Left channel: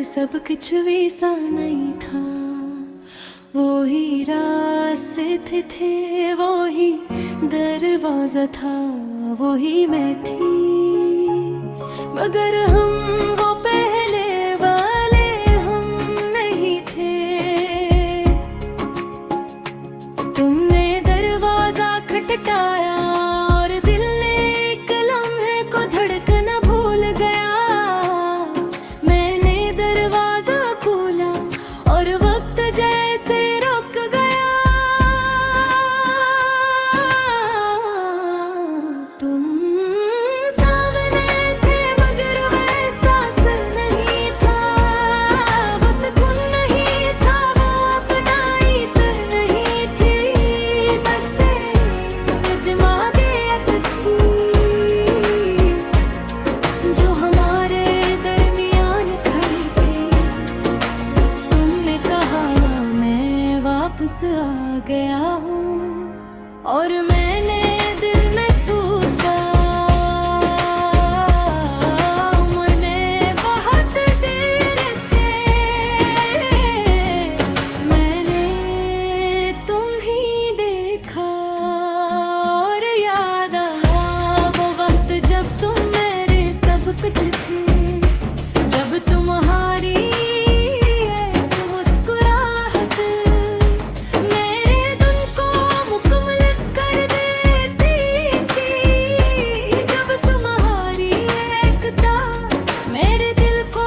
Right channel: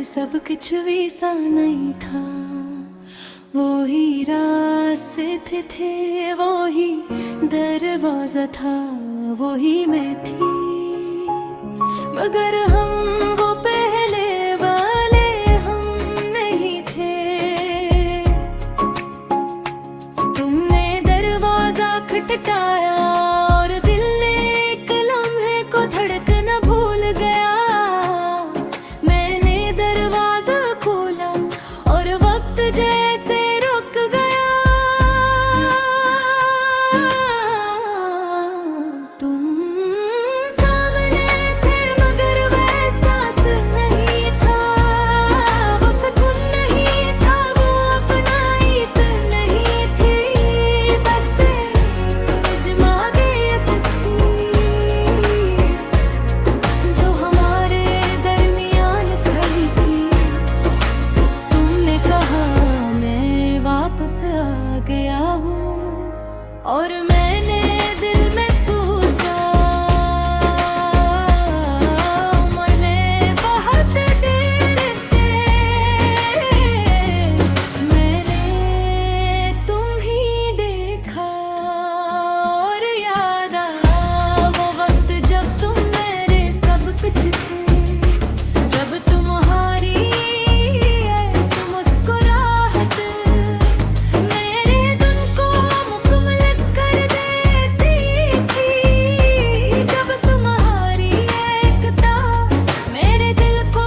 पर सब कुछ वैसा नहीं था। वो ही रास्ते थे, वो ही दरवाजा था, वो ही मैं थी। मगर हम वो पहले वाले हम नहीं थे। तुमने दरवाजा खटखटाया और दिल ने एक लम्हे को धड़कना भूल गया। मैंने दरवाजा खोला और वक्त जैसे रुक गया। तुम सामने थे मगर वह एहसास नहीं था। वो सुकून नहीं था, वो अपनाइत नहीं थी। बस जमागियत थी जो हमारे दरमियान खड़ी थी। तुमने कहा मैं वापस आ गया हूँ और मैंने दिल में सोचा मैंने बहुत देर से मैंने तुम ही देखा। और याद आया वो वक्त जब तुम मेरे सब कुछ थे। जब तुम्हारी एक मुस्कुराहट मेरे दिन को मुकम्मल कर देती थी। जब तुम्हारी एकता मेरे दिल को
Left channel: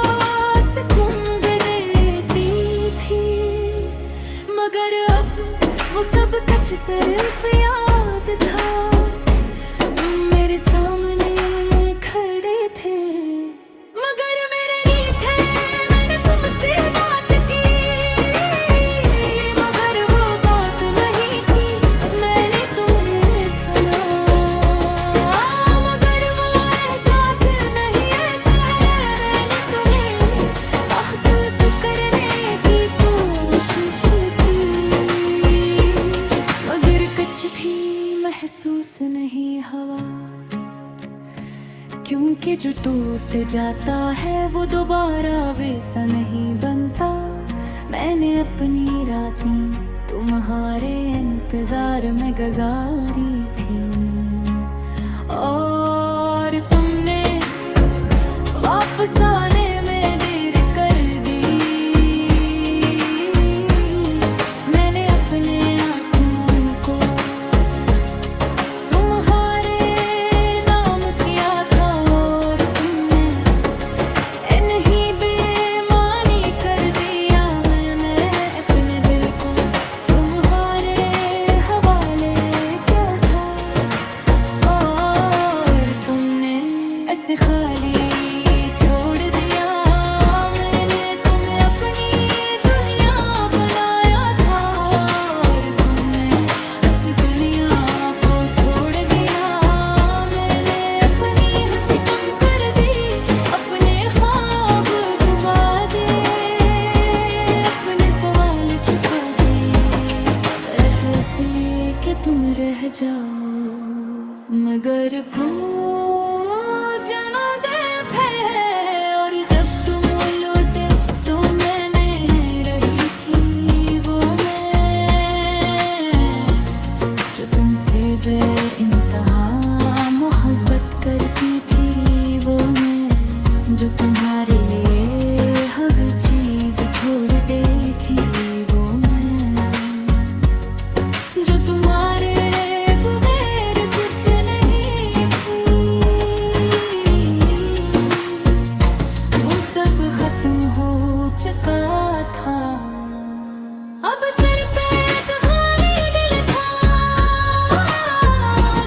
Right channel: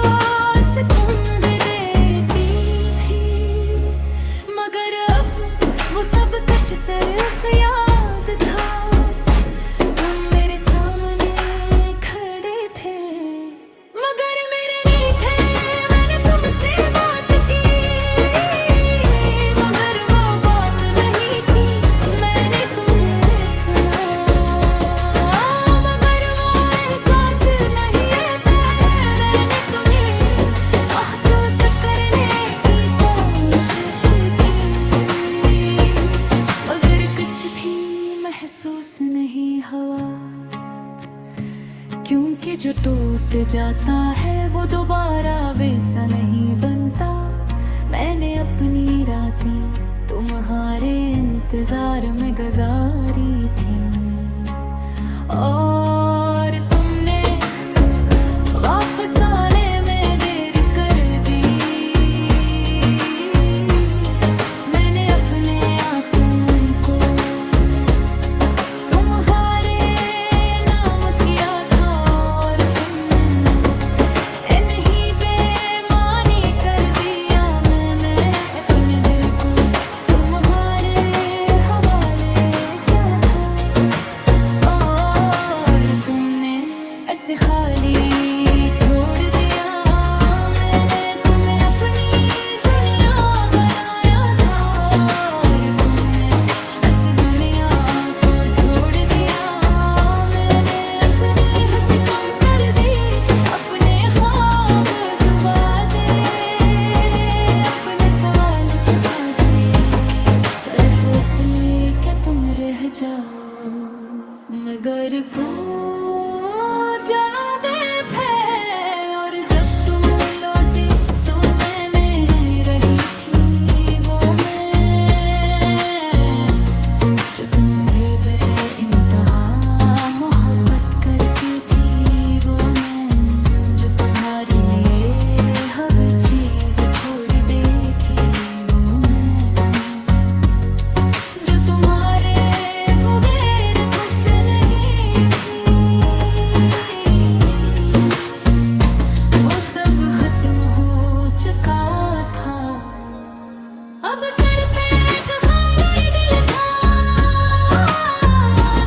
सुकून दे देती थी। मगर अब वो सब कुछ सिर्फ याद था। तुम मेरे सामने खड़े थे मगर मेरे नहीं थे। मैंने तुमसे बात की मगर वो बात नहीं थी। मैंने तुम्हें सुना मगर वो एहसास नहीं था। मैंने तुम्हें महसूस करने की कोशिश की मगर कुछ भी महसूस नहीं हुआ। क्योंकि जो टूट जाता है वो दोबारा वैसा नहीं बनता। मैंने अपनी रातें तुम्हारे इंतजार में गुजारी थी और तुमने वापस आने में देर कर दी। मैंने अपने आंसुओं को तुम्हारे नाम किया था और तुमने इन्हीं बेईमानी कर दिया। मैंने अपने दिल को तुम्हारे हवाले किया था और तुमने ऐसे खाली छोड़ दिया। मैंने तुम्हें अपनी दुनिया बनाया था और तुमने इस दुनिया को छोड़ दिया। मैंने अपनी हंसी कम कर दी, अपने ख्वाब डुबा दे, अपने सवाल छुपा दे सिर्फ इसलिए कि तुम रह जाओ। मगर को जाना दे है और जब तुम लौटे तो मैंने रही थी वो मैं जो तुमसे बेइंतहा मोहब्बत करती थी। वो मैं जो तुम्हारे लिए हर चीज छोड़ देती। वो मैं जो तुम्हारे बगैर कुछ नहीं थी। वो सब खत्म हो चुका था। अब सर पे एक खाली दिल था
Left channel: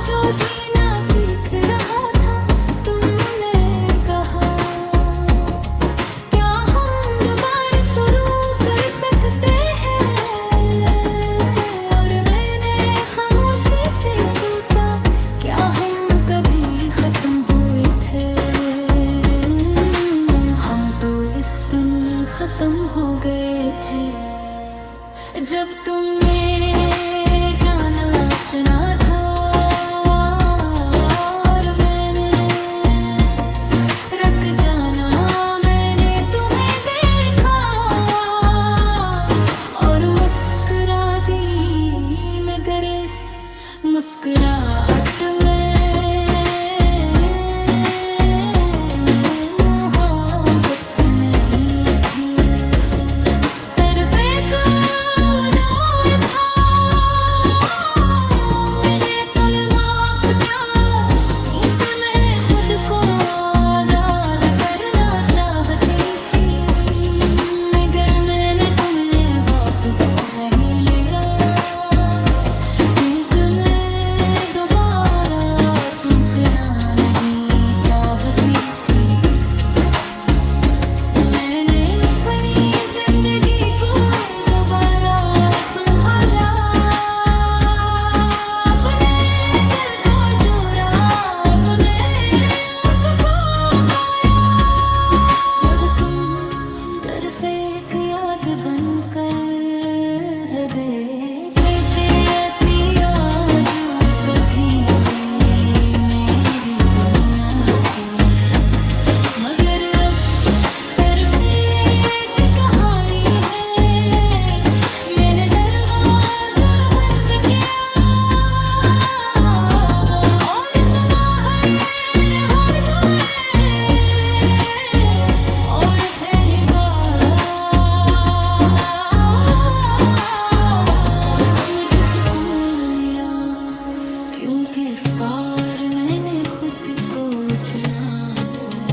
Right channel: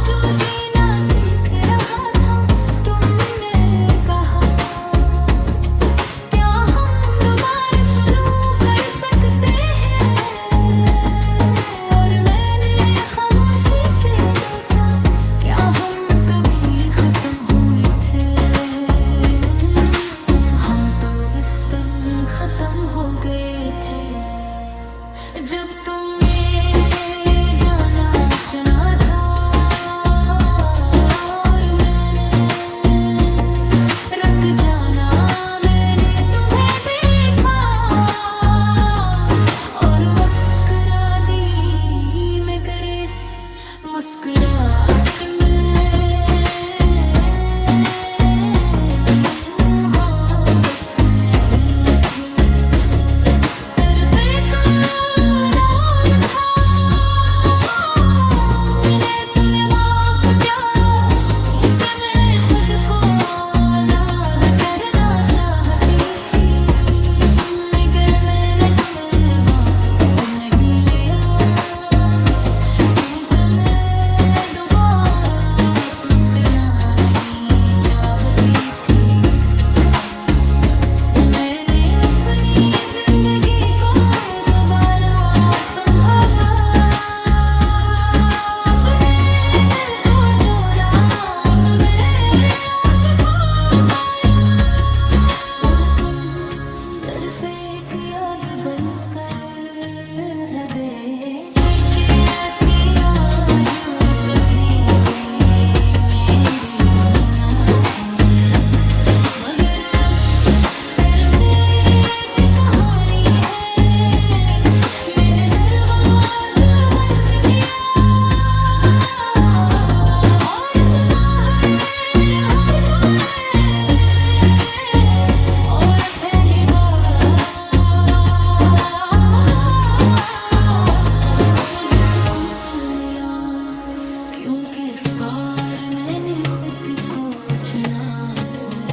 जो जीना सीख रहा था। तुमने कहा क्या हम दोबारा शुरू कर सकते हैं और मैंने खामोशी से सोचा क्या हम कभी खत्म हुए थे। हम तो इस दिन खत्म हो गए थे जब तुमने जाना चना था और मैंने रख जाना। मैंने तुम्हें एक याद बनकर हृदय के ऐसी आजू कभी मेरी दुनिया थी, मगर अब सिर्फ एक कहानी है। मैंने दरवाजा बंद किया और तुम बाहर गए और पहली बार मुझे सुकून मिला, क्योंकि इस बार मैंने खुद को चुना था।